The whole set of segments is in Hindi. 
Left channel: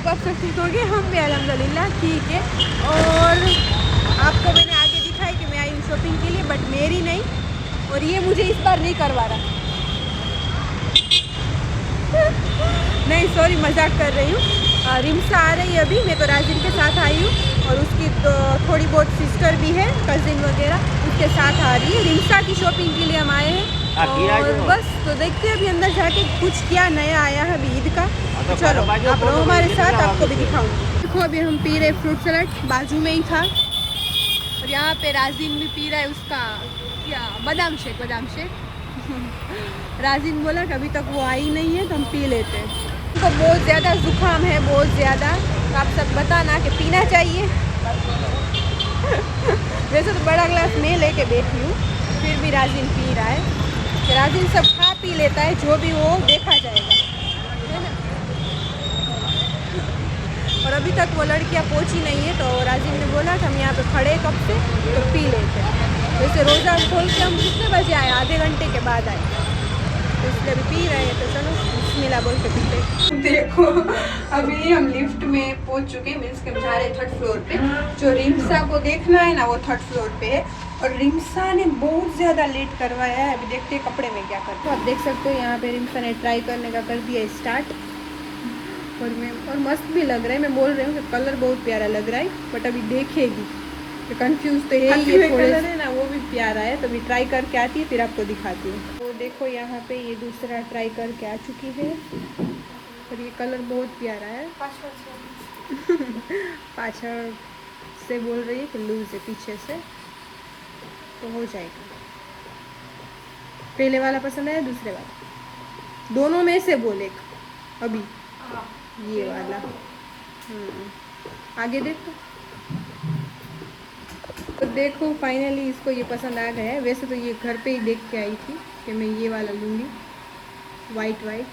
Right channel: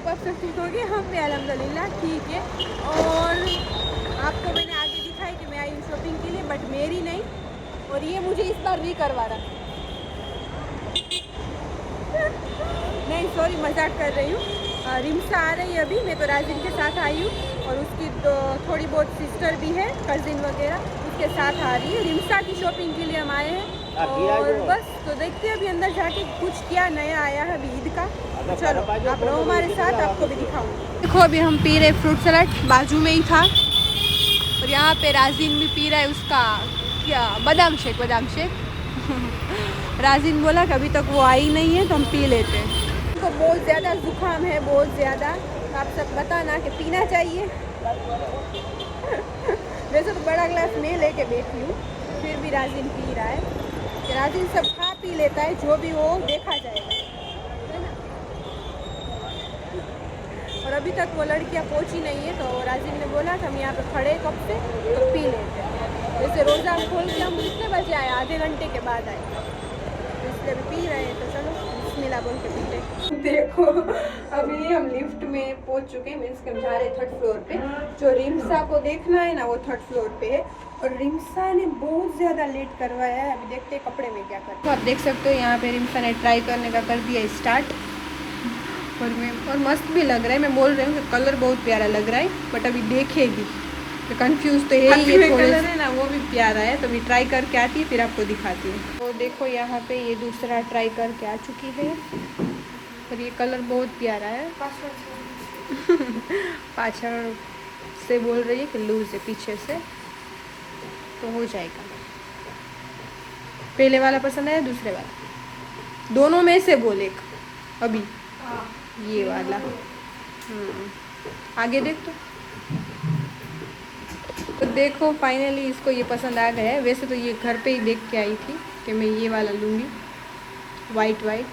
होप आप सब ठीक होंगे, हम भी अल्हम्दुलिल्लाह ठीक है। और आपको मैंने आगे दिखाई कि मैं आई हूँ शॉपिंग के लिए, बट मेरी नहीं, और ये मुझे इस बार नहीं करवा रहा। नहीं सॉरी, मजाक कर रही हूँ। रिम्सा आ रही है अभी, मैं तो राजिन के साथ आई हूँ, और उसकी तो थोड़ी बहुत सिस्टर भी है, कजिन वगैरह, उसके साथ आ रही है। रिम्सा की शॉपिंग के लिए हम आए हैं, और बस तो देखते हैं अभी अंदर जाके कुछ क्या नया आया है अभी ईद का। तो चलो आप रहो हमारे साथ, आपको भी दिखाऊँ। देखो अभी हम पी रहे फ्रूट सलाद, बाजू में ही था, और यहाँ पे राजिन भी पी रहा है उसका क्या बादाम शेक, बादाम शेक। राजिन बोला कि अभी तक वो आई नहीं है तो हम पी लेते हैं। तो बहुत ज़्यादा जुकाम है, बहुत ज़्यादा, तो आप सब बताना कि पीना चाहिए। वैसे तो बड़ा ग्लास मैं लेके बैठी हूँ, फिर भी राजिन पी रहा है। राजिन सब खा पी लेता है, जो भी वो देखा जाएगा। और अभी तक वो लड़कियाँ पहुँची नहीं है, तो राजिन ने बोला कि हम यहाँ पे खड़े कब से, तो पी लेते हैं। वैसे रोज़ा खोल के हम कितने बजे आए, आधे घंटे के बाद आए, तो इसलिए अभी पी रहे हैं। तो चलो बिस्मिल्लाह बोल के पीते। देखो अभी हम लिफ्ट में पहुंच चुके हैं, मीन्स के हम जा रहे हैं 3rd फ्लोर पे। जो रिम्सा को देखना है ना, वो 3rd फ्लोर पे है, और रिम्सा ने बहुत ज़्यादा लेट करवाया है। अभी देखते हैं कपड़े में क्या करते हैं। आप देख सकते हो यहाँ पे रिम्सा ने ट्राई करने का कर दिया स्टार्ट, और मस्त भी लग रहा है। मैं बोल रही हूँ कि कलर बहुत प्यारा लग रहा है, बट अभी देखे भी कंफ्यूज तो है, ये कलर है ना वो भी प्यारा है। तो अभी ट्राई करके आती फिर आपको दिखाती हूँ। और देखो यहाँ पे ये दूसरा ट्राई करके आ चुकी है, और ये कलर बहुत प्यारा है। पाछड़ से बोल रही है कि लूज है, पीछे से तो हो जाएगा। पहले वाला पसंद आया, दूसरे वाला, दोनों में से बोल एक। अभी ये वाला आगे देख तो देखो फाइनली इसको ये पसंद आ गया है। वैसे तो ये घर पे ही देख के आई थी कि मैं ये वाला लूँगी, वाइट वाइट।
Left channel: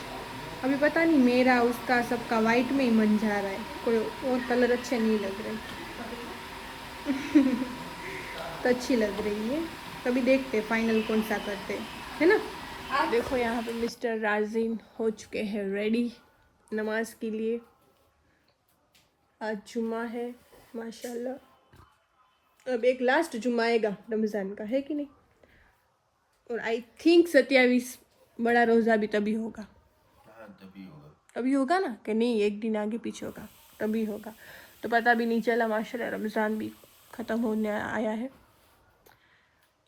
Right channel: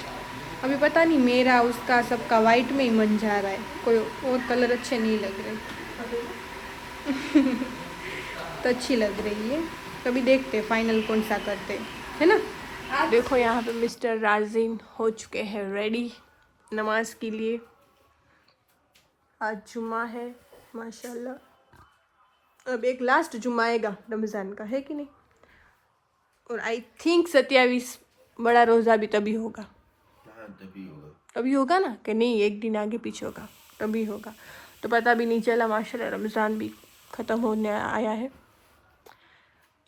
अभी पता नहीं मेरा उसका सबका वाइट में ही मन जा रहा है, कोई और कलर अच्छे नहीं लग रहे। तो अच्छी लग रही है, कभी देखते फाइनल कौन सा करते है ना। देखो यहाँ पे मिस्टर राजिन हो चुके हैं रेडी नमाज के लिए। आज जुम्मा है माशाल्लाह, अब एक लास्ट जुम्मा आएगा रमज़ान का, है कि नहीं। और आई थिंक 27 बड़ा रोज़ा भी तभी होगा। तभी होगा ना, कि नहीं एक दिन आगे पीछे होगा, तभी होगा। तो पता भी नहीं चला माशाल्लाह, रमज़ान भी ख़त्म होने आया है।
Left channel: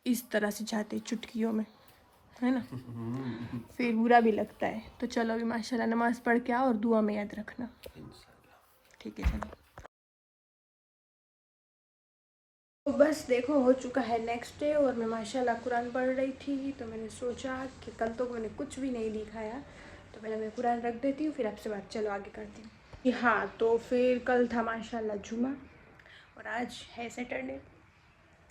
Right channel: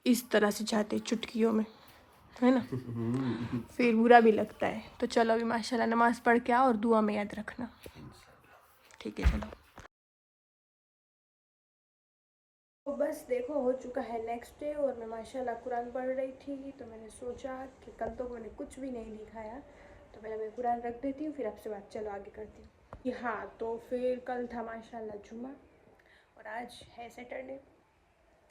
इस तरह से जाते चुटकियों में, है ना। फिर बुरा भी लगता है। तो चलो अभी माशाल्लाह नमाज़ पढ़ के आओ, और दुआ में याद रखना, ठीक है। चलो तो बस देखो हो चुका है नेक्स्ट डे, और मैं माशाल्लाह कुरान पढ़ रही थी। तो मैंने सोचा कि कल तो मैंने कुछ भी नहीं दिखाया, तो पहले मैं कुरान रख देती हूँ, फिर आपसे बात चलो आगे करती हूँ। हाँ तो फिर कल था माशाल्लाह जुमा, और आज है सैटरडे,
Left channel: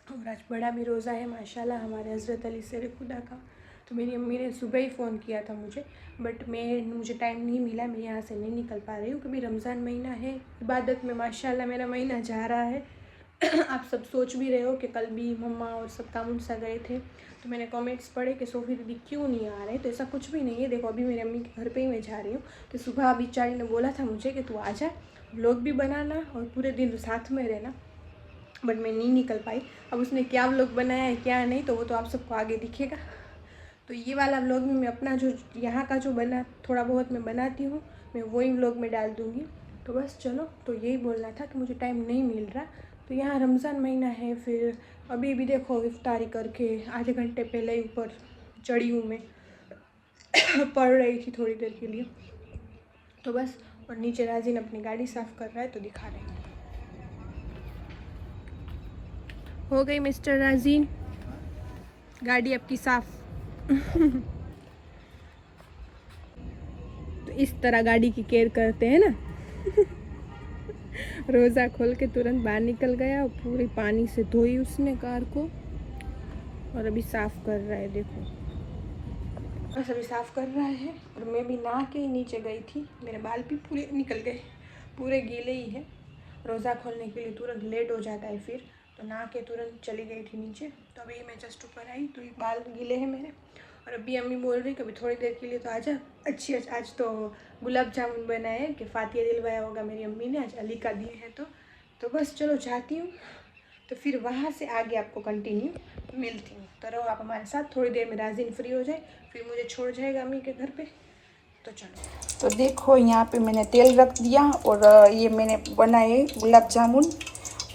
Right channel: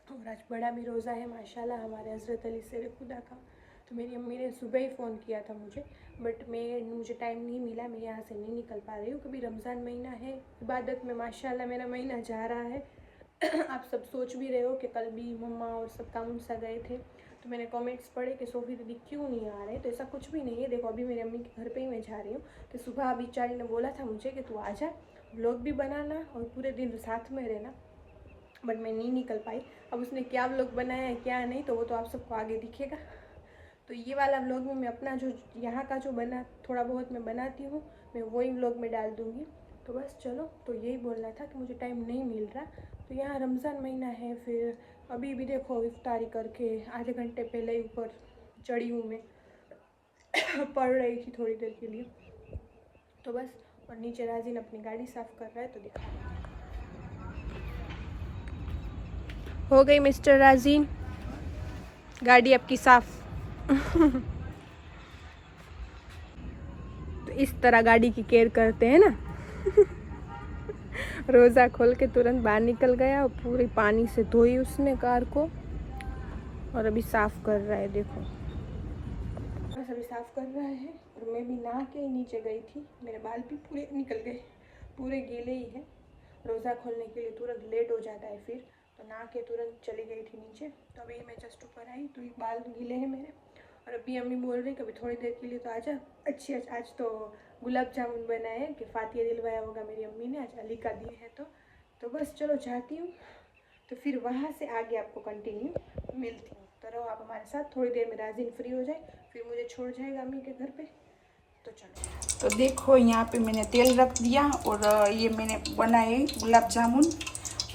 और आज बड़ा भी रोज़ा है माशाल्लाह हमारे हज़रत अली शेर खुदा का। तो मेरी अम्मी ने सुबह ही फ़ोन किया था मुझे, बट मुझे टाइम नहीं मिला, मैं यहाँ से नहीं निकल पा रही हूँ, क्योंकि रमज़ान महीना है, इबादत में माशाल्लाह मेरा महीना जा रहा है। आप सब सोच भी रहे हो कि कल भी मम्मा और सब कामुन सा गए थे, तो मैंने कमेंट्स पढ़े कि सोफ़ी दीदी क्यों नहीं आ रहे। तो ऐसा कुछ भी नहीं है। देखो अभी मेरी अम्मी के घर पे ही मैं जा रही हूँ, तो सुबह अभी चारी ने बोला था मुझे कि तू आ जा, व्लॉग भी बनाना और पूरे दिन साथ में रहना, बट मैं नहीं निकल पाई। अब उसने क्या व्लॉग बनाया है क्या नहीं, तो वो तो आप सबको आगे दिखेगा। तो ये वाला व्लॉग में मैं अपना जो यहाँ का जो बना थोड़ा बहुत मैं बनाती हूँ, मैं वही व्लॉग में डाल दूँगी। तो बस चलो, तो यही बोलना था कि मुझे टाइम नहीं मिल रहा। तो यहाँ रमज़ान महीना है, फिर अभी भी देखो इफ्तारी करके आधे घंटे पहले ही ऊपर चढ़ी हूँ मैं, पढ़ रही थी थोड़ी देर के लिए। तो बस, और नीचे राजिन अपनी गाड़ी साफ़ कर रहा है, तो दिखा रहे हैं। हो गई मिस्टर राजीन गाड़ी आपकी साफ। तो इस तरह गाड़ी की केयर करते हैं ना। रोज़ा खोल के तुरंत बाहर निकल गया, और पूरी पानी से धोई उसने कार को, और अभी साफ़ कर रहा है। देखो बस अभी साफ़ कर रहा है, और मैं भी नहा के नीचे गई थी, मेरे बाल भी पूरे निकल गए, पूरे गीले ही है। रोज़ा खोलने के लिए तुरंत लेट हो जाता है, फिर तो नहा के तुरंत चली गई थी नीचे। तो अभी मैं जस्ट ऊपर आई तो ये बाल गीले हैं मेरे, और अभी अम्मी बोल रही कि अभी थोड़ी देर के लिए तो आजा। अच्छी आज तो गुलाब जामुन बनाए हैं कि फातिया दिलवाया होगा मेरी अम्मी ने, आज अली का दिन है तो बस चलो जाती हूँ, तो फिर वहाँ से आगे आपको कंटिन्यू मिलती हूँ। तो रहो आप हमारे साथ, थोड़ी देर में राजिन फ्री हो जाए फिर मुझे छोड़ जाएगा अम्मी के घर पे, तो चलो। तो देखो यहाँ पे मैंने तेल रख दिया और ये मैंने बनाए गुलाब जामुन,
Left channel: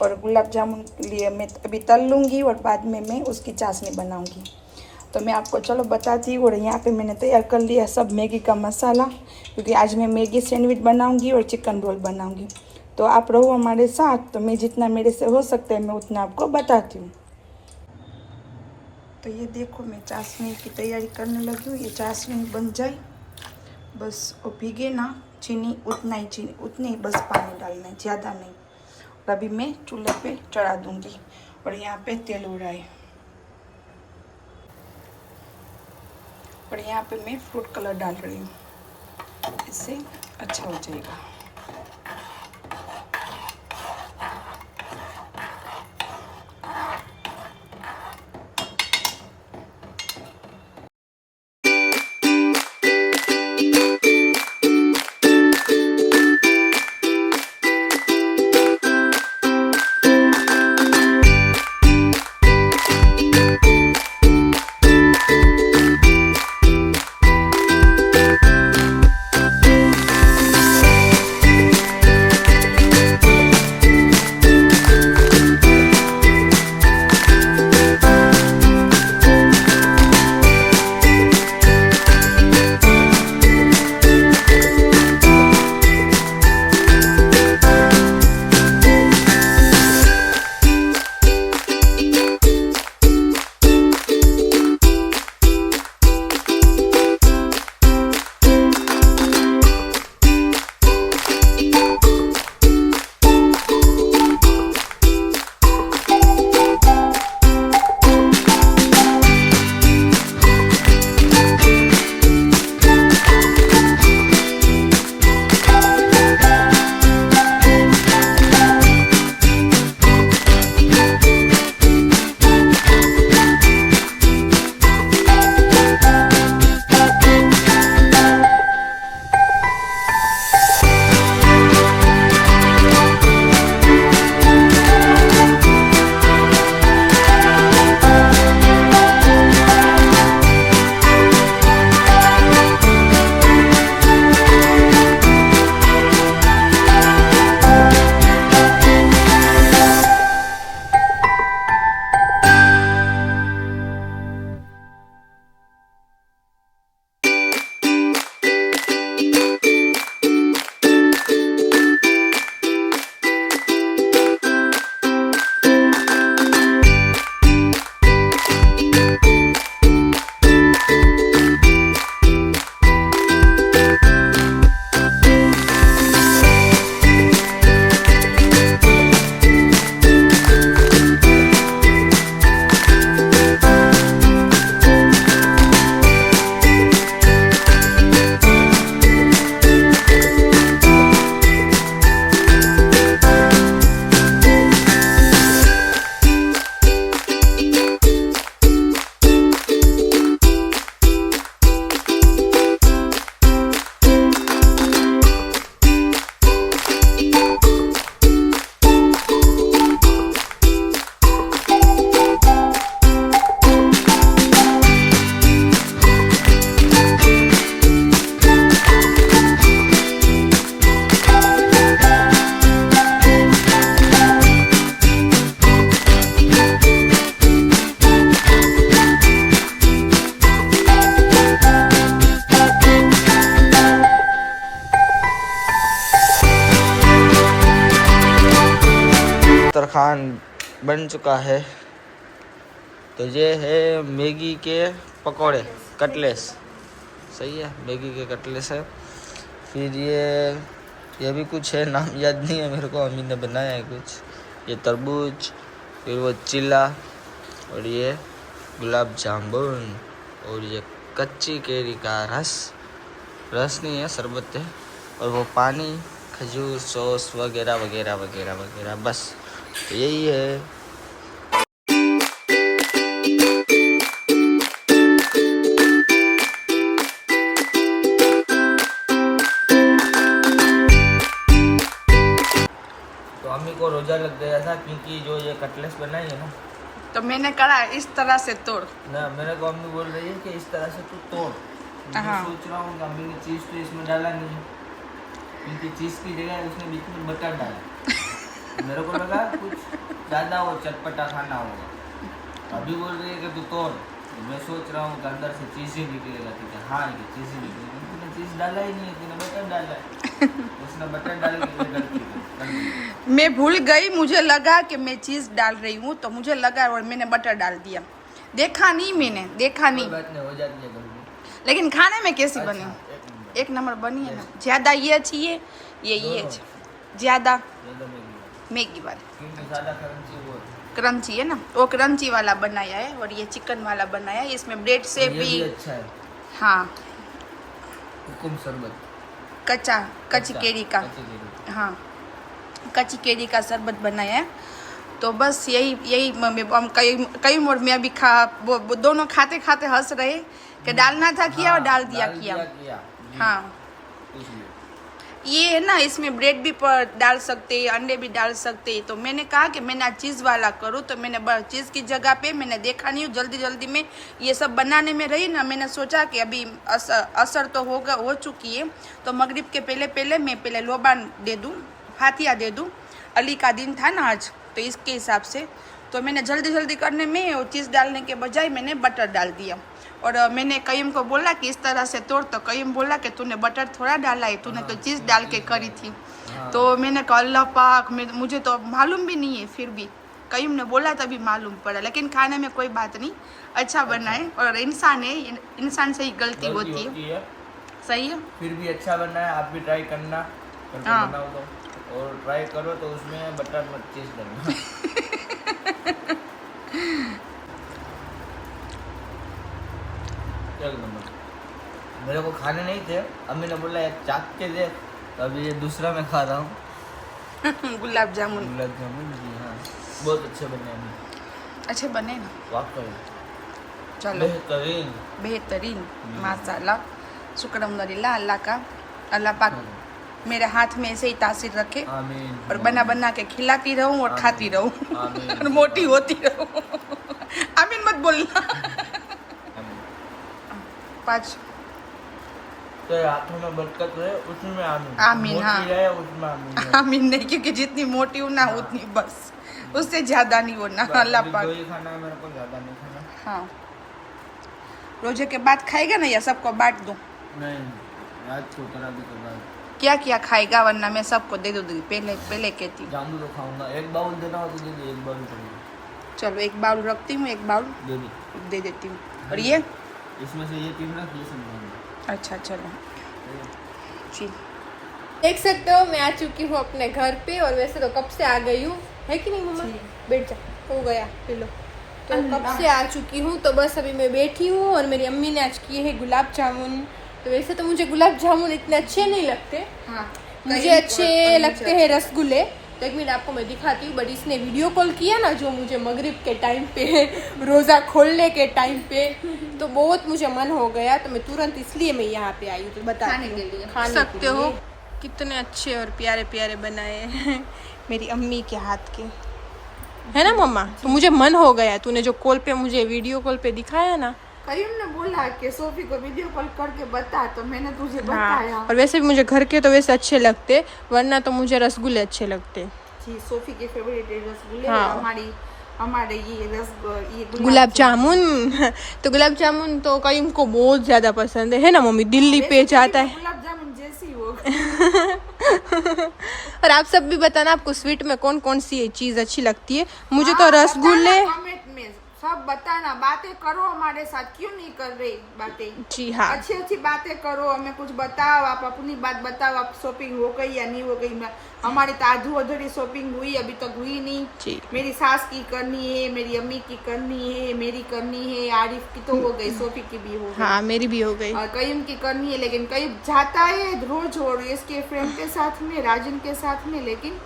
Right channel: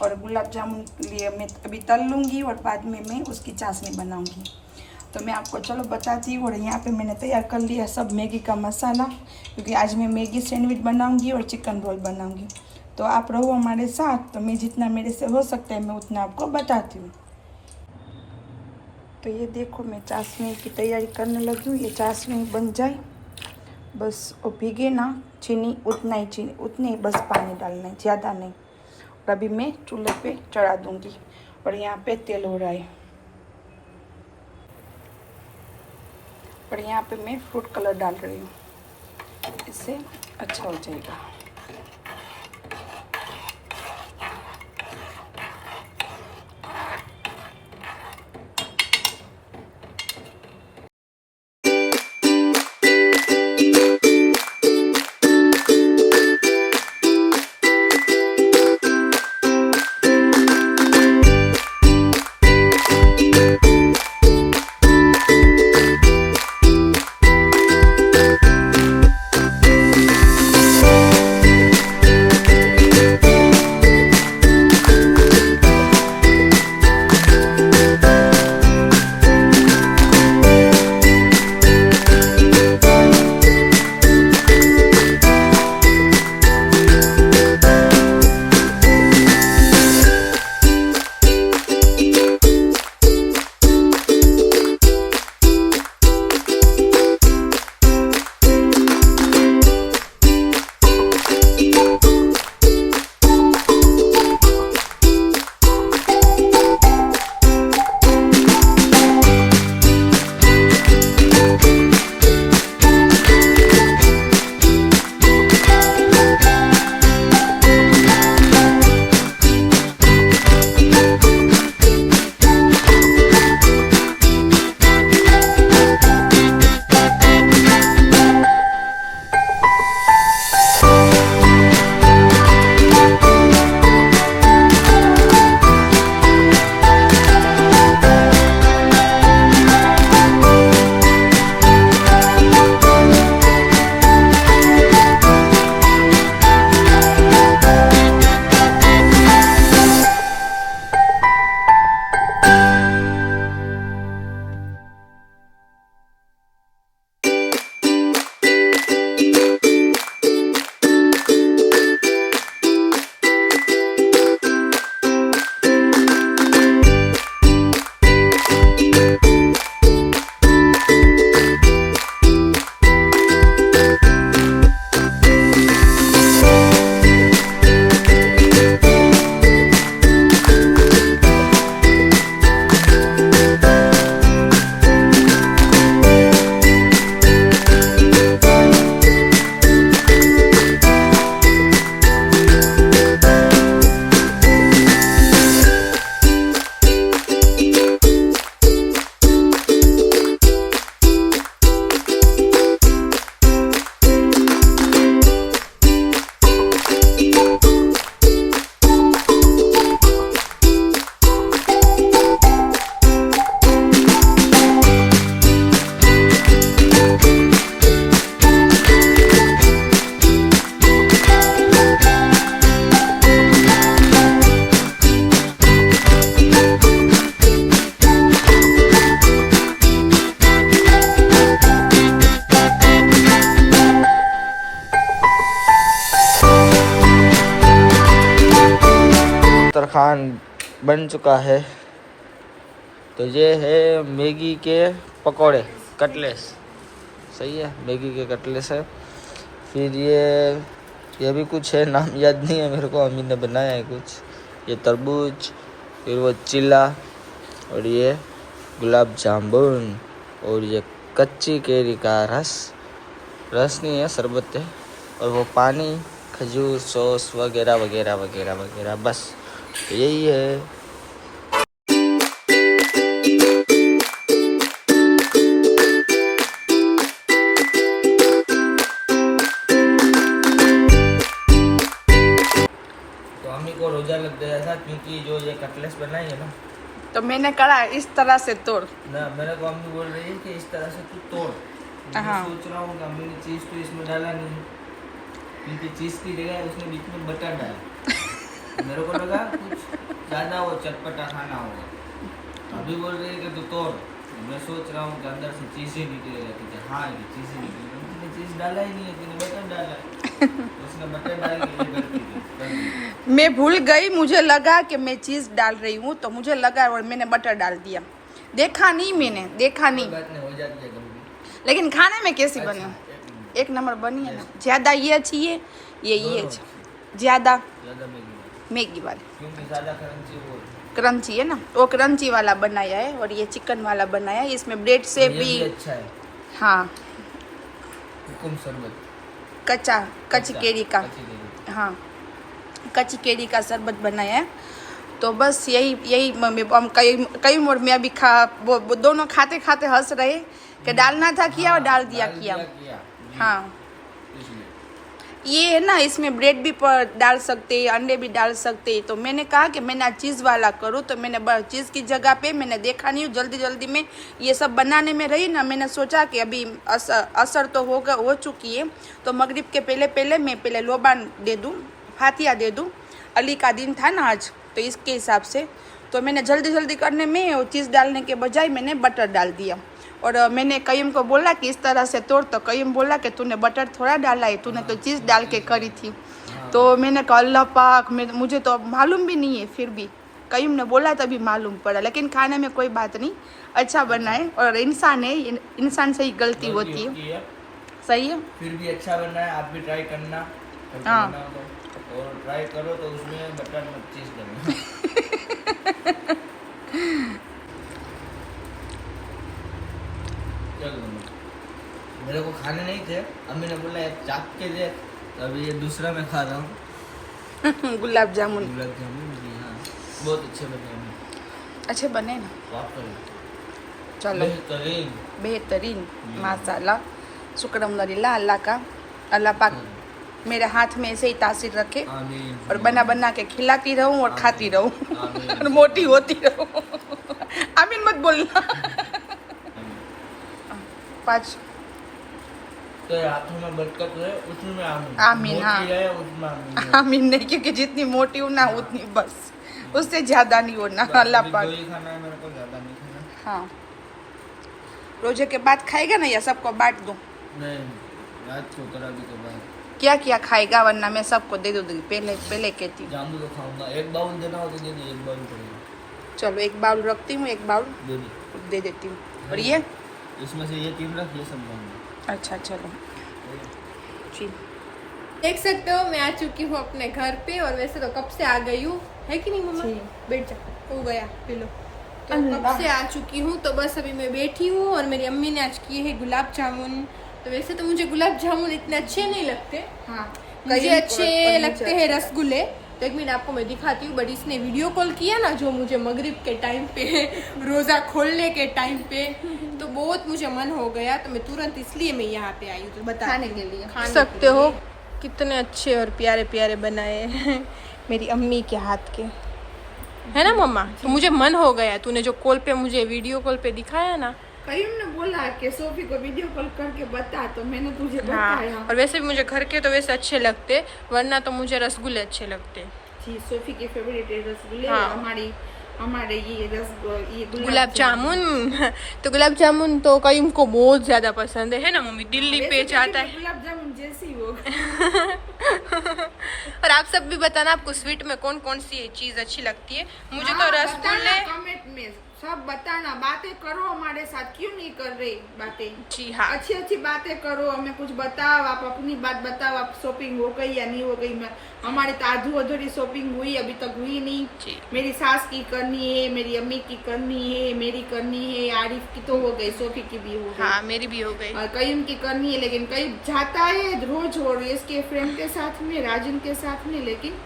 और गुलाब जामुन के लिए मैं अभी तल लूँगी और बाद में मैं उसकी चाशनी बनाऊँगी। तो मैं आपको चलो बताती हूँ। और यहाँ पे मैंने तैयार कर लिया सब मैगी का मसाला, क्योंकि आज मैं मैगी सैंडविच बनाऊँगी और चिकन रोल बनाऊँगी। तो आप रहो हमारे साथ, तो मैं जितना मेरे से हो सकता है मैं उतना आपको बताती हूँ। तो ये देखो मैं चाशनी की तैयारी करने लगी हूँ। ये चाशनी बन जाए बस, और भीगे ना चीनी उतना ही, चीनी उतनी ही बस पानी डालना है, ज़्यादा नहीं। और अभी मैं चूल्हे पे चढ़ा दूँगी और यहाँ पे तेल हो रहा है। और यहाँ पे मैं फ्रूट कलर डाल रही हूँ, इससे अच्छा हो जाएगा। दस्तरखान बन चुका है। तो ये है मैगी के पकोड़े, कटलेस। सही है, मैगी के कटलेस है। फिर ये भी कुछ है, नाम याद नहीं है मेरे को, अम्मी ने बनाया है कुछ। ये तरबूज, फिर वो चिल्ला, और ये गुलाब जामुन, और ये कच्ची केरी का रस नहीं है, शरबत है, और वो पानी, खजूर, सॉस वगैरह वगैरह वगैरह वगैरह। बस तो यही है। था क्योंकि जो ये कटलेस बनाई है ना, तो मैंने करा इस तरह से तोड़। ना मेरे को अम्मी बोल रही है कि इस तरह से तू तोड़। मैं हाँ। सोच रहा हूँ कि अम्मी ने चीज़ तो इसमें डाला नहीं है, क्योंकि चीज़ की जगह उसने बीच में बटर डाला। मेरे को लगा कुछ ज़्यादा वो चटपटा खाना होगा। अभी बोल रही है कि तू तोड़। मैं सोच रहा हूँ कि अंदर से चीज़ ही निकलेगा, क्योंकि हाँ ये चीज़ ही निकलेगी। उसने चीज़ डाला ही नहीं है, उसने बटर डाला है। उसने बटर डाल के गलती कर दी। मैं भूल गई, मुझे लगा कि मैं चीज़ डाल रही हूँ, तो मुझे लगा और मैंने बटर डाल दिया। देखा नहीं, मैंने देखा कोई नहीं। बात नहीं, हो जाती है गलती। लेकिन खाने में कैसी अच्छा, बनी? एक नंबर बनी है ना। ज्यादा ये अच्छी है, ये दोनों। अच्छा। ज्यादा ज़्यादा मैगी मैगी वाली क्योंकि ज़्यादा क्रंची वो क्रंची है ना, वो क्रंची वाला बनाया है और ये चिकन वाला बनाया है। इसमें ब्रेड से ये भी अच्छा है। हाँ, हुकुम शरबत कच्ची केरी का, कच्ची केरी। हाँ कच्ची केरी का शरबत बनाया है। तो बस यही हम कई मोड़ में अभी वो दोनों खाते खाते हंस रहे कि डालना था किया और डाल दिया किया। जी, हाँ, इसलिए ये है ना, इसमें ब्रेड भी डाल सकते हैं, अंडे भी डाल सकते हैं। तो मैंने कहा कि मैं ना चीज़ वाला करूँ, तो मैंने चीज़ की जगह पे मैंने देखा नहीं, जल्दी में ये सब बनाने में रही ना, मैंने सोचा कि अभी असर तो हो चुकी है, तो मगरिब के पहले मैं लोबान दे दूँ, फातिया दे दूँ। अली का दिन था ना आज, तो इसके हिसाब से तो मैंने जल्दी करने में वो चीज़ डालने के बजाय मैंने बटर डाल दिया। और मैंने कईम को बोला कि इस तरह से तोड़, तो कईम बोला कि तूने बटर थोड़ा डाला है, तूने तो चीज़ डाल के करी थी। तो मैंने कहा अल्लाह पाक, मुझे तो मालूम भी नहीं है, फिर भी कईम ने बोला तभी मालूम पड़ा। लेकिन खाने में कोई बात नहीं, अच्छा बना है। और इंसान है, इंसान से ही गलती होती है। सही है, फिर भी अच्छा बनना है। आप भी ट्राई करना, करके हाँ। बनाओ तो, और ट्राई करो तो उसमें बटर मत चीज डालना। चल नंबर मेरे को खाने नहीं थे, अम्मी ने बोला यार चाक के दे, तो अभी ये दूसरा मैं खा रहा हूँ। गुलाब जामुन गुलाब जामुन जी, हाँ बहुत अच्छे बने अम्मी, अच्छे बने ना। वाकई चलो बेहतरीन माशाल्लाह, शुक्रमदुलिल्लाह अल्लाह का। अल्लाह पाक मेरे हाथ में ऐसे ही तासीर रखे आमीन। और बना के खिलाती रहूं और खाती रहूं आमीन। और मोटी होती रहूं। आमीन मत बोलना। आमीन। 5 तो हाथों में बरकत रहे, उसमें आमीन। आमीन, मोटी हाँ। रहे, उसमें आमीन। आमीन नहीं, क्योंकि जितनी मोटी हूं ना उतनी बस, उससे ज्यादा नहीं होना। बस अल्लाह अभी पाक। दो ही खाना है मेरे को, ज्यादा नहीं खाना। हाँ, रोजे के बाद खाएगा ना या सबको बांट दूं? नहीं, रात को करा दे के बाद क्या खाएगा, वरना मैं सबको दे दूंगी। पहले कहती हूँ। जामुन तो खाऊंगा। एक बाउल देना हो तो दे दे, एक बाउल पड़ेगा। चलो एक बाउल रखती हूँ, एक बाउल दे देती हूँ। और ये इसमें से ये 3 रख, ये सब खाऊंगा। अच्छा चलो जी। देख सकते हो मैं आ चुकी हूँ अपने घर पे, और वैसे तो कब से आ गई हूँ, है कि नहीं मम्मा? बैठ जा, हो गया पिलो। तो कब से आ चुकी हूँ, तो बस अभी मैं बैठी हूँ। और मेरी अम्मी ने आज किए हैं गुलाब जामुन। तो वैसे तो मुझे गुलाब जामुन इतने अच्छे नहीं लगते, हाँ, मुझे अच्छे लगते हैं रसगुल्ले। तो एक मिनट आपको मैं दिखाती हूँ। बट इसने वीडियो कॉल किया ना जो मुझे मगरिब के टाइम पे, रोज़ा खोलने के टाइम पे, तो बहुत मुझे मन हो गया। तो मैं तुरंत इसलिए मैं यहाँ पे आई हूँ, तो बताती हूँ। खा सकते हो कितने अच्छे और प्यारे प्यारे बनाए हैं मेरी अम्मी के हाथ के, है ना मम्मा? तो मुझे मन हो गया, तूने जो कॉल पे मुझे वीडियो कॉल पे दिखाया ना। करीम ने बोला कि सोफी को वीडियो कॉल करके बता, तो मैंने तुझे बताया। हाँ, और वैसे भी मुझे घर के तो वैसे अच्छे लगते, वरना तो मुझे रसगुल्ले अच्छे लगते। जी, सोफी की फेवरेट रसगुल्ले। हाँ। और हमारे ये गुलाब जामुन। तो गुलाब जामुन तो कईम को बहुत ज्यादा पसंद है ना मम्मी? दिल्ली पे जाता है गुलाब जामुन जैसी हो। और आप सब भी बताना आपको स्वीट में कौन कौन सी चीज अच्छी लगती है। मुझे तो रसगुल्ले। कमेंट में सब बताना, बातें करो हमारे साथ, क्यों नहीं कर रहे बातें? जी हाँ, अच्छी बातें करो, हमें कुछ बताओ, आप अपनी बात बताओ, आप शॉपिंग हो गई या नहीं हो गई? हमारी तो आधू अधूरी शॉपिंग हुई, अभी तक हुई नहीं। जी। मेरी सास की करनी है, मेरी अम्मी की करनी है, मेरी करनी है, आरिफ की तो हो गई, सोफी की भी हो गई, हाँ मेरी भी हो गई। और कईम की करनी है। लेकिन कईम जाता है रोज और इसके फ्रेंड के साथ में, राजन के साथ में, लेकिन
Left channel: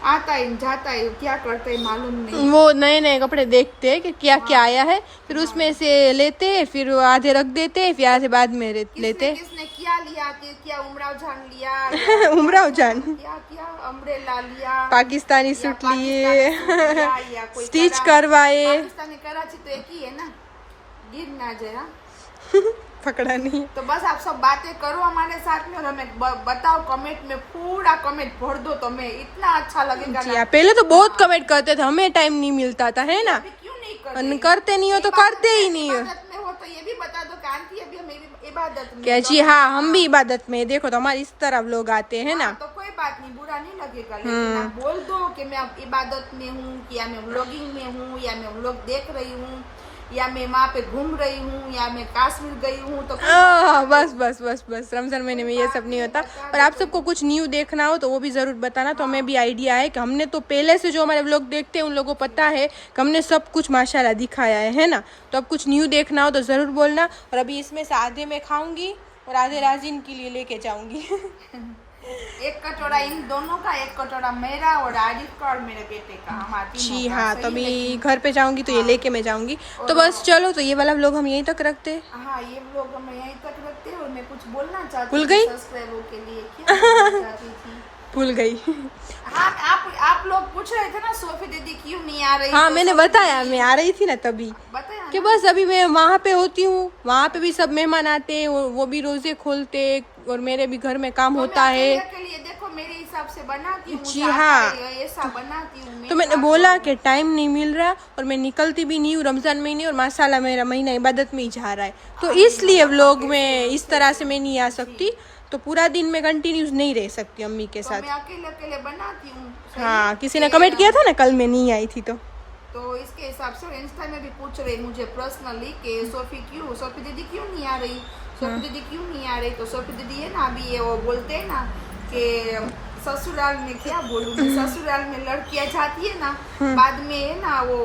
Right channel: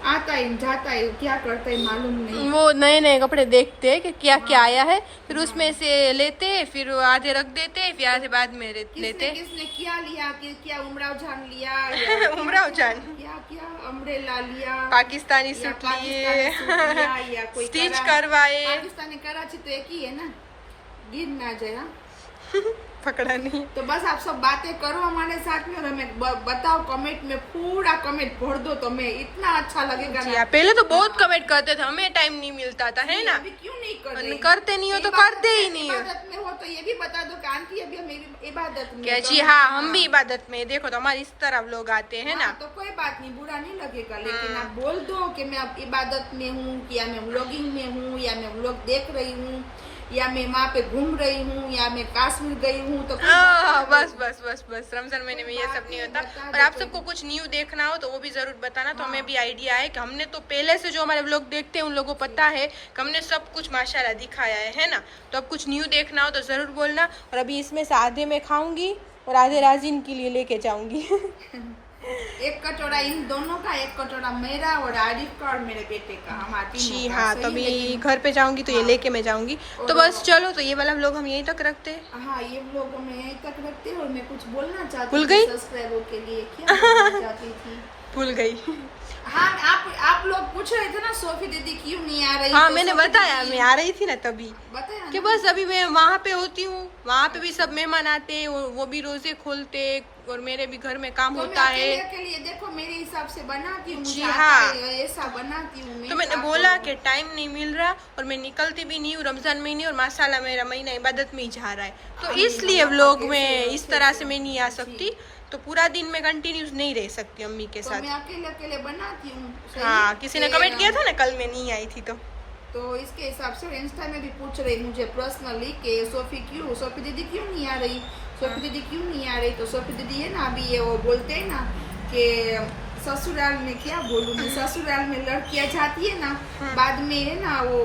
आता है जाता है, क्या करता है मालूम नहीं। वो नए नए कपड़े देखते हैं कि क्या क्या आया है, फिर उसमें से लेते हैं, फिर आधे रख देते हैं, फिर आधे बाद में लेते किसने क्या लिया, क्या उमराव जान लिया या उमराव जान क्या क्या अम्ब्रेला लिया, पाकिस्तानी या सूट पाकिस्तानी लिए सूट लिया, या कोई स्टिच करवाए। पाकिस्तानी कराची तो एक ही है ना, गिर ना जाए। हाँ? पकड़ा नहीं। तो बस आप सब बातें करो हमारे साथ में और हमें बताओ कमेंट में, पूरा कमेंट भर दो, तो हमें इतना अच्छा लगेगा जी ना। हाँ, पहले तो बहुत कमेंट करते थे, हमें टाइम नहीं मिलता था, है ना। अभी क्यों नहीं कर और रहे? करते नहीं हो तो करते ही नहीं हो। इबादत में हो तो ये भी बता दो कि आंटी अभी हम इबादत में। क्या जी हाँ, हम भी इबादत में, देखो तो हमारे इस तरह लोग आते हैं ना। तो कोई बात नहीं, बुरा नहीं लगेगा, लेकिन आप बोल दो कि मैं अब इबादत में हूँ, या मैं व्लॉगिंग में हूँ, या मैं व्लॉग देख रही हूँ, या मैं वहाँ पे घूम रही हूँ, या मैं कश्मीर गई हूँ, तो बस बस बस बस, रमजान महीने में ये सब नहीं होता। और आप सबको कुछ न्यू देखना हो तो वो भी जरूर बताना, तो हमें भी आइडिया है कि हमने तो पहले से जो हमारे व्लॉग देखते हैं उन लोगों को पता है कि हमने सब कुछ माशाल्लाह दिखाया है ना। तो अब कुछ न्यू देखना हो तो जरूर बोलना। और अभी इसमें से आधे मैं खाऊंगी और आधे राजीन के लिए लेके जाऊंगी। एक कटोरा इन दोनों का, एक कटोरा मेरा और आरिफ का और मेरे बेटे का, हम जी हाँ, तभी घर पे जाऊंगी तो ये लेके मैं जाऊंगी। तो बस चलो, तो ये वाला व्लॉग हम यहीं तक रखते हैं। हाँ, ये व्लॉग हम यहीं तक रखते हैं। और मैं कुछ बोलना चाहती भूल गई? सब्सक्राइबर के लिए, क्या बोलना चाहती थी? भूल गई। हाँ, आप लोग पूछ रहे थे ना सोफी दीदी क्यों नहीं आ रही। हाँ, तो मैंने सोफी बताया, दीदी मैं आ रही थी ना तभी बताया कि बस अभी मैं वहाँ पे होती हूँ, वहाँ पे भी सब मेहमान आते हैं, वो भी रोजे खोलते, और मेरे भी घर में काम तो होता मैं है। अकेले अकेले देखो मेरे हिसाब से बनाती हूँ, जी मुझे आता हाँ। है, ऐसा बनाती हूँ मैं। तो मैंने बोला कि टाइम नहीं मिल रहा और मैं निकलती भी नहीं हूँ रमजान महीने, और माशाल्लाह मेरा महीना इबादत में ही जा रहा है, तो इसलिए व्लॉग में इस तरह से मैं नहीं आ सकती। तो पूरा दिन में कंटिन्यूस नहीं रह सकती अम्मी के तो साथ। मैं अकेले अकेले बनाती हूँ। सही हाँ, है? किसी ने कमेंट किया था ना कल मैं नहीं आई थी, तो इसके हिसाब से इंस्टा में भी पूछ रहे मुझे पर्सनली कि सोफी दीदी क्यों नहीं आ रही, सोफी दीदी क्यों नहीं आ रही। तो सोफी दीदी है ना, अभी ये वो बोलते हैं ना कि ससुराल में, क्या बोलूं मैं, ससुराल में लड़कियां जाती है ना, बाद में है ना वो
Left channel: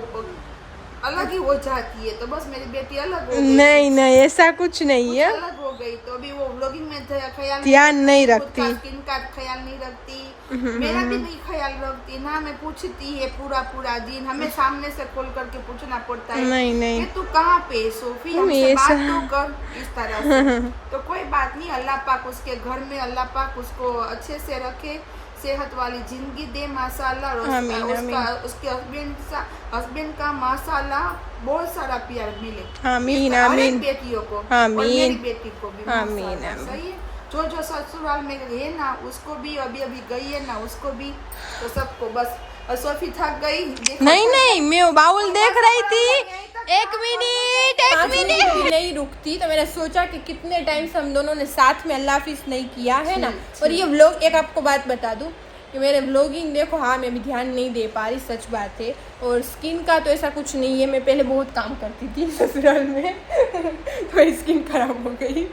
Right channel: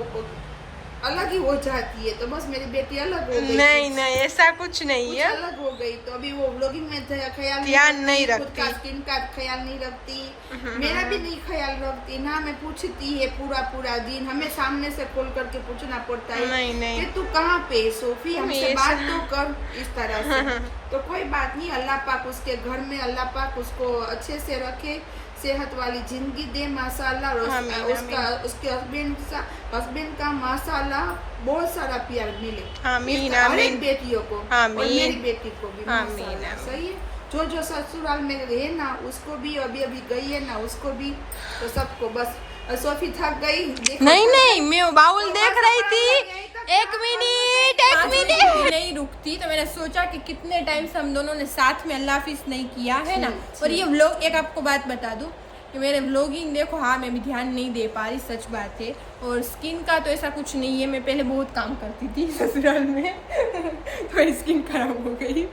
अलग ही हो जाती है। तो बस मेरी बेटी अलग हो गई। नहीं नहीं, ऐसा कुछ नहीं कुछ है। अलग हो गई, तो अभी वो व्लॉगिंग में ख्याल ध्यान नहीं खुद रखती। का स्किन का ख्याल नहीं रखती, मेरा भी नहीं ख्याल रखती ना। मैं पूछती है पूरा दिन, हमें सामने से खोल करके पूछना पड़ता है नहीं नहीं, कि तू कहाँ पे सोफी, हमसे बात तो कर, इस तरह से। तो कोई बात नहीं, अल्लाह पाक उसके घर में, अल्लाह पाक उसको अच्छे से रखे, सेहत वाली जिंदगी दे माशाल्लाह। और उसके हस्बैंड का माशाल्लाह बहुत सारा प्यार मिले, आमीन हर एक आमीन बेटियों को, और आमीन। मेरी बेटी को भी आमीन, माशाल्लाह। आमीन। सही है, जो ससुराल में गए ना उसको भी, अभी गई है ना उसको भी, तो सबको बस। और सोफी थक गई, देखो नहीं नहीं, मैं वो बाउल देख रही थी। एक मिनट नहीं रुकती, तो मैंने सोचा कि कितने टाइम से हम दोनों ने साथ में अल्लाह हाफिज नहीं किया है ना। और ये व्लॉग, एक आपको बात बता दूं कि मेरे व्लॉगिंग देखो, हाँ मैं भी ध्यान नहीं दे पा रही, सच बात है। और स्किन का तो ऐसा कुछ नहीं है, मैं पहले बहुत काम करती थी ससुराल में तो स्किन खराब हो गई।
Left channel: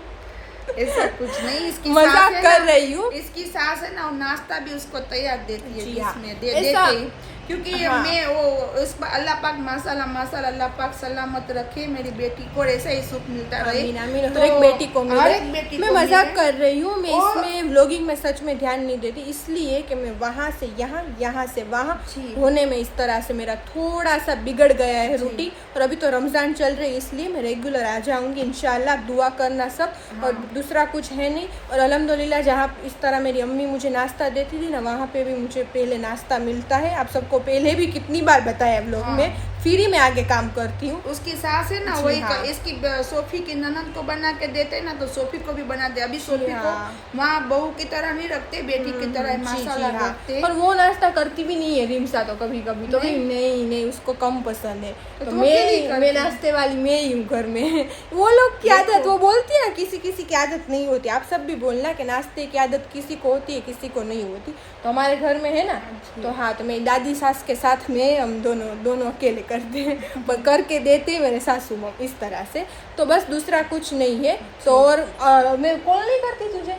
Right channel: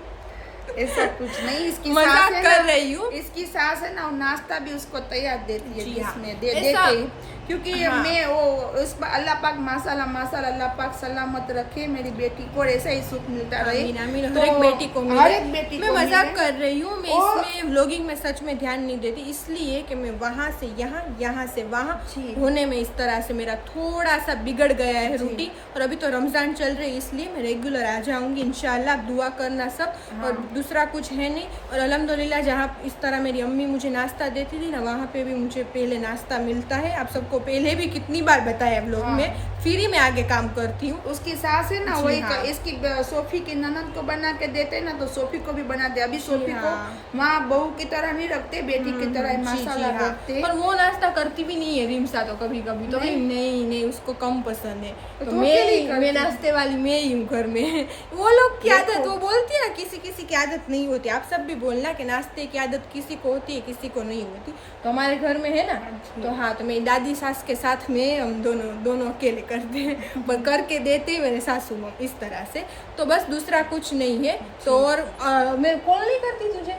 ऐसा कुछ नहीं, इसकी मजाक सास है कर ना, रही हूँ। इसकी सास है ना, और नाश्ता भी उसको तैयार देती है, जी हाँ। जिसने ऐसा- देते हैं। क्योंकि हाँ। मैं वो उस अल्लाह पाक माशाल्लाह माशाल्लाह, अल्लाह पाक सलामत रखे मेरी बेटी को, ऐसा ही सुख मिलता रहे। आमीन आमीन, तो हर एक बेटी को मिले। हर एक बेटी मैं को मजाक मिले। कर रही हूँ, मैं और- इसमें व्लॉगिंग में सच में ध्यान नहीं देती, इसलिए कि मैं वहाँ से यहाँ, यहाँ से वहाँ होने में इस तरह से मेरा थोड़ा सा बिगड़ गया है रूटीन। और अभी तो रमजान चल रही है, इसलिए मैं रेगुलर आ जाऊंगी इंशाल्लाह। आप दुआ करना सब, और दूसरा कुछ है नहीं। और अल्हम्दुलिल्लाह जहाँ इस तरह मेरी अम्मी मुझे नाश्ता देती थी ना, वहाँ पे भी मुझे पहले नाश्ता मिलता है। आप सबको पहले भी कितनी बार बताया व्लॉग में, फ्री में आगे काम करती हूँ। उसकी सास है ना, जी वही हाँ। इसकी सोफी की ननद को बना के देते ना, तो सोफी को भी बना दे। अभी सोफी हाँ। को वहाँ बहू की तरह नहीं रखते, बेटी की तरह जी, माशाल्लाह जी, हाँ। रखते। और वो नाश्ता करती भी नहीं है रिमसा, तो कभी कभी तो भी नहीं उसको कम पसंद है। तो तो अकेले ही करती मैं है। नाश्ते वाली मैं ही हूँ घर में। वो लोग की आदत, वो बोलती है ना, किसी किसी की आदत नहीं होती। आप सब भी बोलना कि नाश्ते की आदत किसी को होती है, किसी को नहीं होती। तो हमारे घर में है ना, तो हाँ, तो मेरी दादी सास के साथ में हम दोनों अकेले करते हैं, पर करके देते हैं मेरे सासू माँ, इस तरह से। तो बस दूसरा कुछ नहीं है। तो और मैं कॉल नहीं करती तुझे,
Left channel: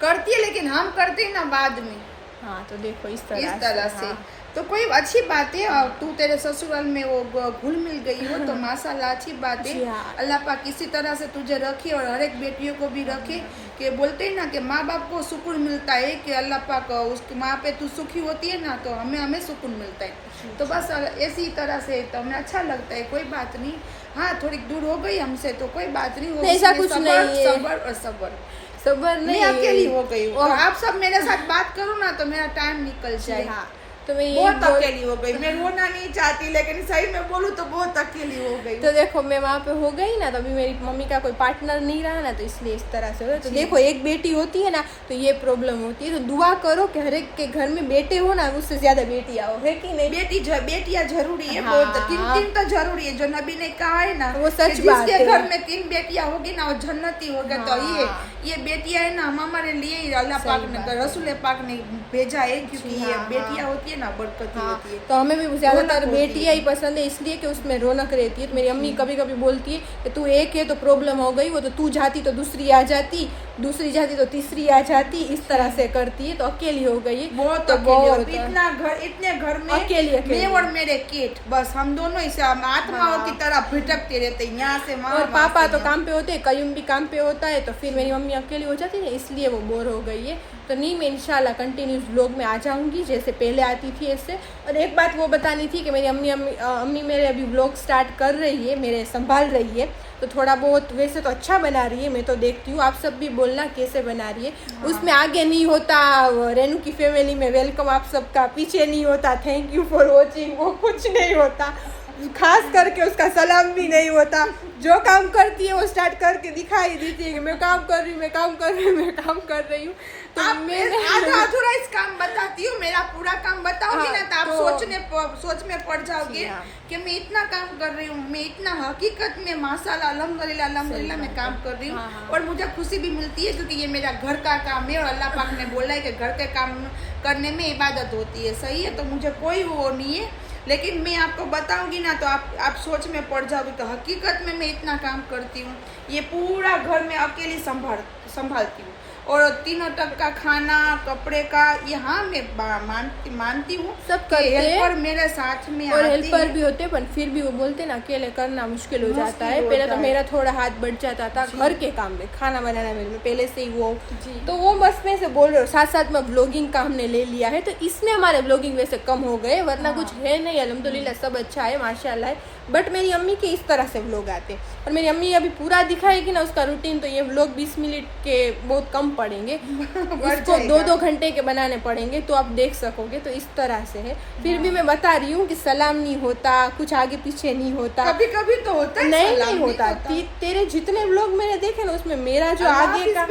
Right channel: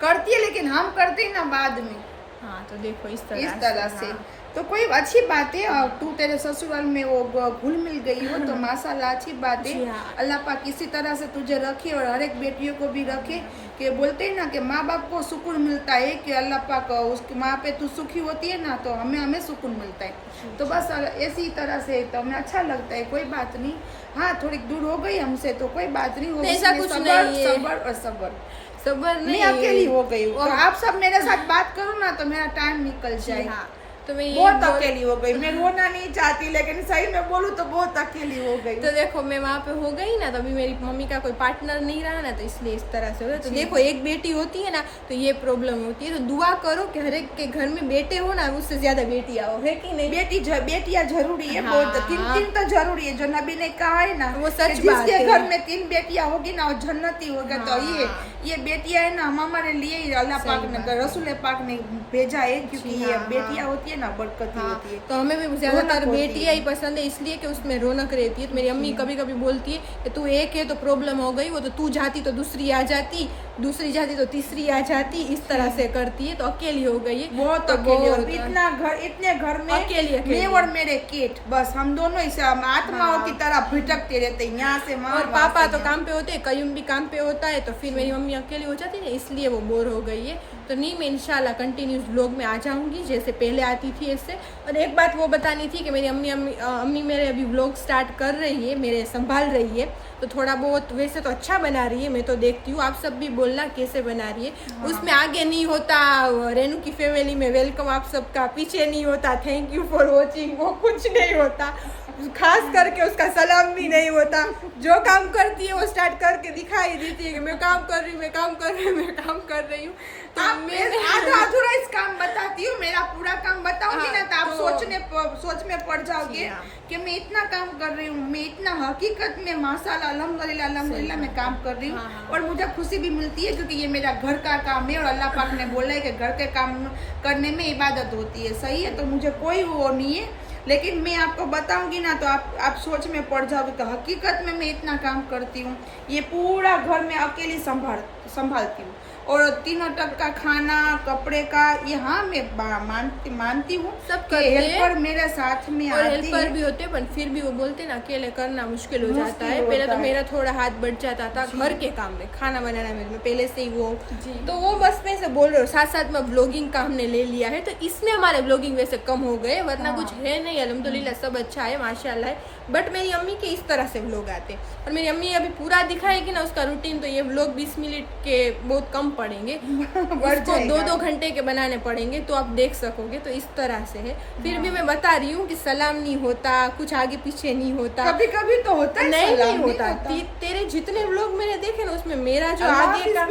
करती है, लेकिन हम करते हैं ना बाद में, हाँ। तो देखो इस इस तरह तरह से। हाँ। तो कोई अच्छी बात है। और तू तेरे ससुराल में वो घुल मिल गई हो तो माशाल्लाह अच्छी बात जी है। हाँ। अल्लाह पाक इसी तरह से तुझे रखे और हर एक बेटियों को भी रखे। कि बोलते हैं ना कि माँ बाप को सुकून मिलता है कि अल्लाह पाक उसकी माँ पे तू सुखी होती है ना तो हमें सुकून मिलता है। तो बस ऐसी तरह से तो हमें अच्छा लगता है। कोई बात नहीं, हाँ थोड़ी दूर हो गई हमसे तो कोई बात नहीं, नहीं, ऐसा कुछ नहीं है। सबर और सबर। सबर मैं नहीं, अकेली हो गई हूँ। आप सब मेरे साथ बात करो ना तो मेरा टाइम निकल जाए। हाँ तो मैं बहुत अकेली हो गई। मैं रोना नहीं चाहती लेकिन सही में बोलूँ तो बहुत अकेली हो गई। तो देखो मैं वहाँ पे हो गई ना तो अभी मेरी मम्मी का कोई पार्टनर नहीं रहा ना तो इसलिए इस तरह से हो रहा है। तो देखो एक बेटी होती है ना तो ये प्रॉब्लम होती है। तो दुआ करो कि हर एक के घर में बेटे हो ना, उससे ज्यादा बेटियां हो, है कि नहीं? बेटियां जरूरी है। हाँ। बहुत तीन तो जरूरी है। जो नबी ने कहा है ना वो सच कि बात जिसके है। घर में 3 बेटियां होगी ना वो जन्नती होगा। तो ये बेटियां है ना हमारे लिए ही अल्लाह पाक ने रसूल पाक ने भेजा है क्योंकि ये बेटियां होती है ना बरकत होती है। तो हमें भी ज्यादातर रौनक होती बेटियां ही पसंद है इसलिए कि उसमें रौनक रहती है। तो मेरी अम्मी कभी कभी बोलती है कि तू एक है तो प्रॉब्लम हो गई, वो तो तू जाती तो दूसरी आ जाती, दूसरी जाती तो तीसरी आ जाती, इस तरह से करती है। तो अकेली हो गई है बहुत तो अकेली। इतने घर में अकेली मैं और मेरे किट बस हम दोनों इसे आत्माओं की तरह भटकते रहते हैं यहाँ से वहाँ। और पापा तो काम पे होते हैं, कयूम भी काम पे होता है। तो फिर मेरी मम्मी अकेली हो जाती है ना इसलिए वो बोर हो गई है। तो नहीं, मैं इंशाल्लाह कंटिन्यूस व्लॉग में आ जाऊंगी जैसे पहले आती थी ऐसे। और एक बात वो बतानी थी कि मेरी अम्मी मेरे अभी व्लॉग स्टार्ट कर रही है, मेरे संभाल रही है। तो थोड़ा बहुत वैसे तो अच्छा बना रही है, मैं तो देखती हूँ। आप सब भी बोलना कैसे बना रही है। उसमें आगे नहीं होता रेनू की फैमिली में वेलकम आप सबका, पीछे नहीं होता थैंक यू फॉर वॉचिंग, वो कुछ नहीं होता। खास करके उसका सलाम भी नहीं होता। जो काम करती है वो स्टार्ट करके दिखाई देती है कि मैं काम कर रही हूँ, मैं काम कर रही हूँ, मैं काम कर रही हूँ। तो मैंने आधा अधूरा इस काम बताती हूँ, मेरा पूरा काम बताऊंगी ना तो आप सोच में पड़ जाओगे कि मैं इतना काम कर रही हूँ। मैं इतना हकीकत में माशाल्लाह अल्हम्दुलिल्लाह मैं काम कर रही हूँ। और मुझे खुशी भी मिलती है क्योंकि ये मेरा घर का काम है और अल्लाह पाक ने बोला है कि घर के काम करने में इबादत होती है। सही है, तो मुझे कोई वो नहीं है। लेकिन मैं आपको बताऊंगी ना तो आप सोच में पड़ जाओगे। तो हकीकत में मैं इतना काम करती हूँ, ये पूरा घर में अकेली संभालती हूँ। और तीनों तक का खाना कपड़े का ये हाँ मैं मानती हूँ सब करते हैं। हेल्पर मेरे साथ में और आती हेल्पर है। भी होते हैं पर फिर भी वो बोलते ना अकेले करना मुश्किल हो जाता है। पहले तो मेरा थोड़ा हाथ बढ़ जाता था घर के काम में, खाना बनाना मेरे में पहले से ही वो। तो वो बस में से बोल रहे हो साथ साथ में ब्लॉगिंग का हमने ले लिया है तो इसमें हमारे ब्लॉगिंग वैसे कम हो गए, वरना कुछ है नहीं। अल्हम्दुलिल्लाह सब अच्छा है माशाल्लाह है। बट मेरी अम्मी के इस तरह से व्लॉग आते हैं और मेरी अम्मी अभी पूरा दिखाएगी ना उसका रूटीन तो ये व्लॉग 20 मिनट के बहुत कम पड़ेंगे, उसको 2-2 घंटे के बनाने पड़ेंगे तो आप देख सकोगे। तो इस तरह से है। फिर भी मैं बता रही हूँ कि सलाम नहीं होता, कुछ आगे पीछे नहीं होता, कभी कभी तो होता है, नहीं होता। तेरे जितने व्लॉग मैंने देखे ना उसमें मेरा जो आगे का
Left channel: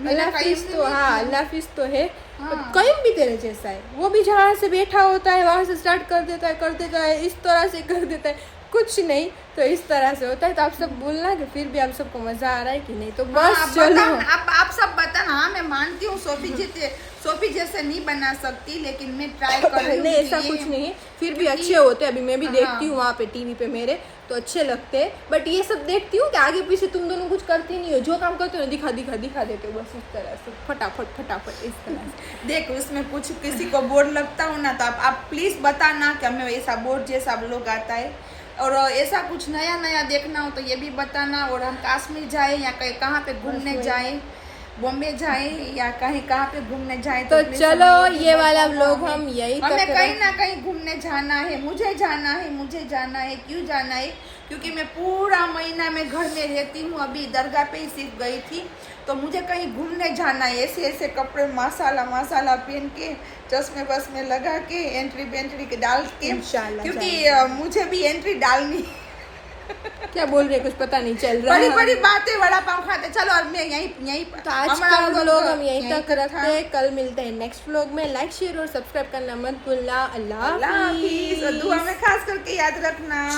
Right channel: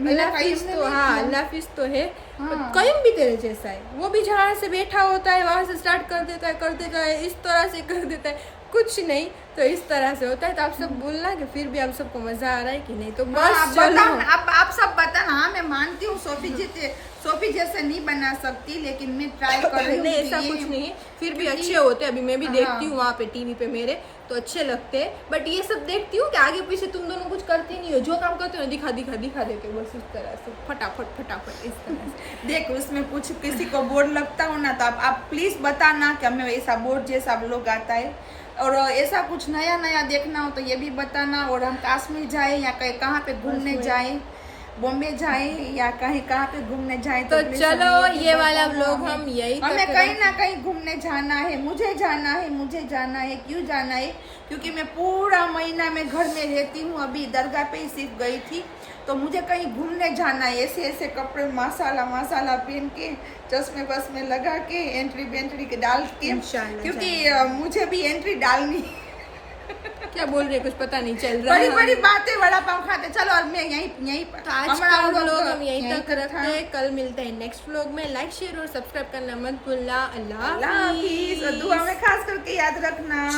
अल्लाह हाफिज तो हाँ अल्लाह हाफिज तो है। कयूम भी तेरे जैसा है, वो भी जहाँ से बैठा होता है वहां से स्टार्ट कर देता है इस तरह से कर देता है, कुछ नहीं तो इस तरह से होता है। तो आप सब बोलना कि फिर भी आप सबको मजा आ रहा है कि नहीं। तो बस चलो आप सब बताना। हाँ मैं मानती हूँ सोफी जैसे नहीं बना सकती लेकिन मैं ट्राई कर रही हूँ। नहीं ऐसा कुछ नहीं है, फिर भी अच्छे होते। अभी मैं भी देखती हूँ वहाँ पे टीवी पे मेरे तो अच्छे लगते हैं। बट ये सब देखती हूँ कि आगे पीछे तुम दोनों कुछ करते नहीं हो, जो काम करते हो दिखा देते हो बस इस तरह से फटाफट इस तरह से। देखो उसमें कुछ किसी को बोर लगता हो ना तो आप प्लीज बताना कि हमें ऐसा बोर जैसा लोग आता है। और ऐसा कुछ नया देखना हो तो ये भी बताना। और हम कश्मीर जाए या कहीं कहाँ पे घूमने जाए, बॉम्बे जाए या कहाँ पे घूमने जाए तो चलो ये वाला व्लॉग हम यही हमें कहीं ना कहीं घूमने जाना है। मुझे जाना है। क्यों जाना है? क्योंकि मैं पूरा महीना में घर में रहती हूँ। अभी दरगाह पे ही सिर्फ गई थी तो मुझे कहीं घूमने जाना है। ऐसे कपड़े माशाल्लाह पहन के चश्मे बसमे लगा के एंट्री के डाल के इंशाल्लाह क्योंकि मुझे भी एंट्री डालनी। क्या बोल रहे कुछ पता नहीं चल रहा है। बड़ी बातें बड़ा पाव खाते। चलो और मैं यहीं तो आज का व्लॉग हम यहीं तक रखते हैं। कल मिलते हैं नेक्स्ट व्लॉग में। लाइक शेयर और सब्सक्राइब करना मत भूलना। अल्लाह हाफिज। दुआ में खास करके याद रखना।